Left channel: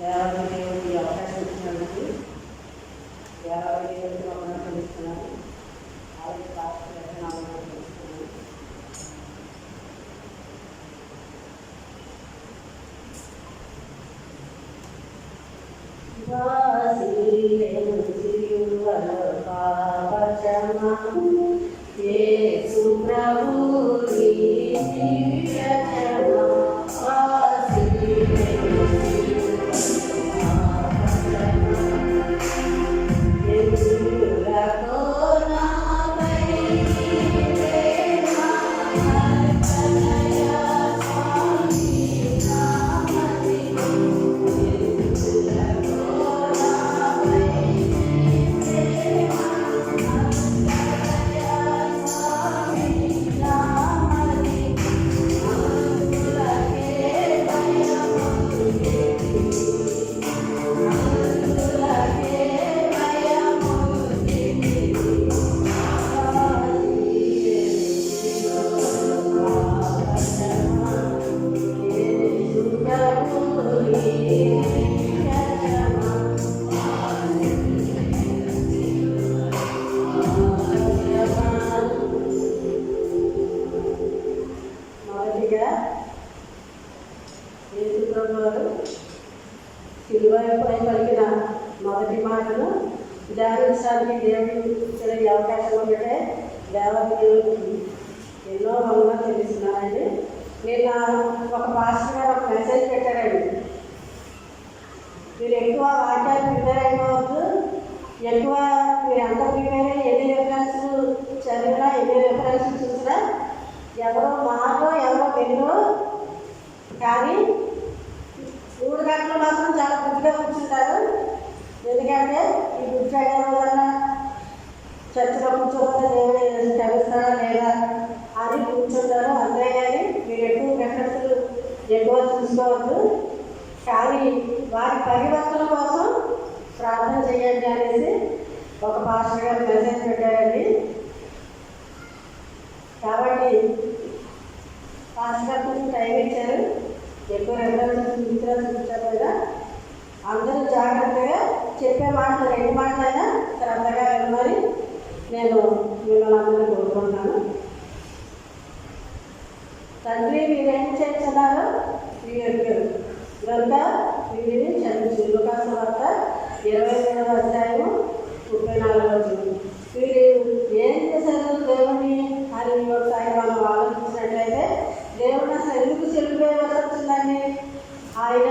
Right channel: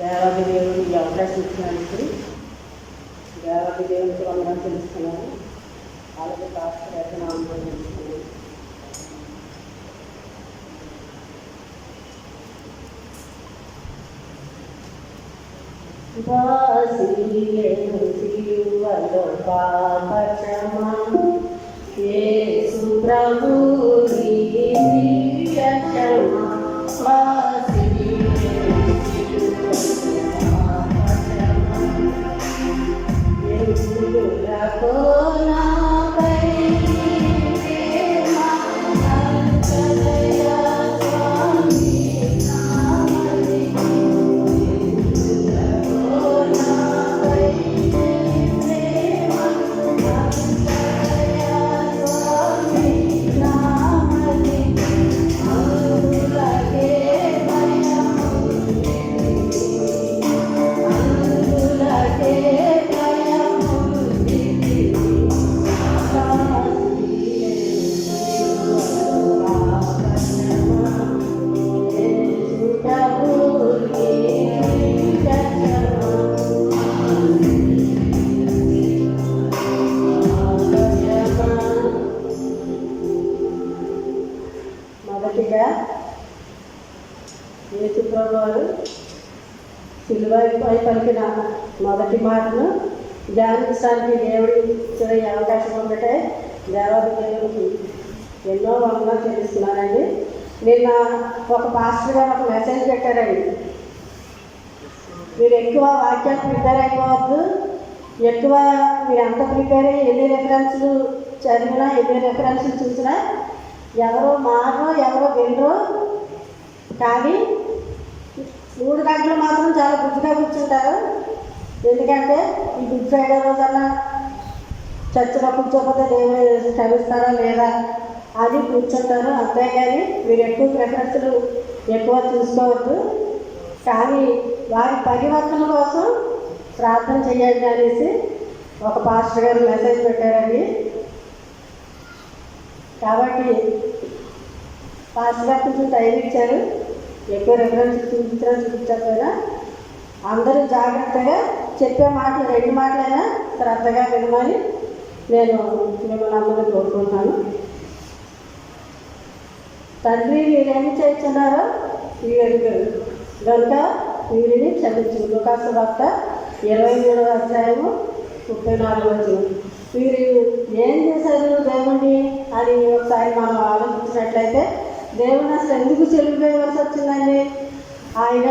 దేవాది దేవుడు ఈ అవకాశం ఇచ్చినందుకు దేవాది దేవుడికి వందనాలు తెలుస్తున్నాను. అలాగే డాక్టర్ ఎకనామీ తెలుస్తున్నాను. వాసిలేను సిలువలో పాపక్షమా యేసు ప్రభు నీ దివ్య క్షమా. వాసిలేను సిలువలో పాపక్షమా యేసులతో నాపై ప్రేమ కలయ స్వామి నామది. మొదటిగా యేసు ప్రభువారు సిలువపై పలికిన మొదటి మాటను ధ్యానించడానికి దేవుడు ఇచ్చిన ఈ అవకాశం ఒకటే దేవాది దేవుడికి ఎన్నో వందనాలు తెలుస్తున్నానండి. నిన్న ఒక పాస్టర్ గారు ఒక మెసేజ్ పెట్టారండి. మీరు ఎక్కువ వాక్యాలు ప్రిపేర్ అయిపోవద్దు, ఎక్కువ మీరు ఎంత ప్రిపేర్ అయ్యి ఎన్ని రెఫరెన్స్లు చదివినా ఎన్ని రెఫరెన్స్లు చూసినా ఎవరో మారో ఎవరో వెళ్ళో కానీ 3 గంటలు మాత్రం చాలా బుద్ధిగా కూర్చుంటారు. ఎందుకంటే ఈ గుడ్ ఫ్రైడే రోజన్నా చర్చలో కూర్చోకపోతే దేవుడు క్షమిస్తారా లేదా అని కూర్చుంటారు. అంతేగాని మీరు ఎక్కువ ప్రిఫరెన్స్లు ఎక్కువ చూసుకోవద్దు. కానీ వారి పరివర్తన కోసం ప్రార్థన చేయండి అనేసి ఒక పాస్టర్ గారు మెసేజ్ పెట్టారండి. కాబట్టి పాస్టర్ గారు కొంచెం టైం ఇచ్చారు. ఎక్కువ రెఫరెన్స్ చూపించకపోయినా అందరూ జాగ్రత్తగా చెప్పే మాటలు 2 మాటలైనా శ్రద్ధగా వినమని నేను మిమ్మల్ని అందరినీ కోరుకుంటున్నాను. తండ్రి మీరేమి చేస్తున్నారో వీరు కనుక వీరిని క్షమించు. లూకాసు వార్త 23వ అధ్యాయము 34వ వచనం. వీరు ఏం చేశారు దేవుణ్ణి అని ఒకసారి మనం ఆలోచించినట్లయితే దేవుని అసలు ఎందుకు చెల్లిపోయవలసి వచ్చిందండి? ఆయన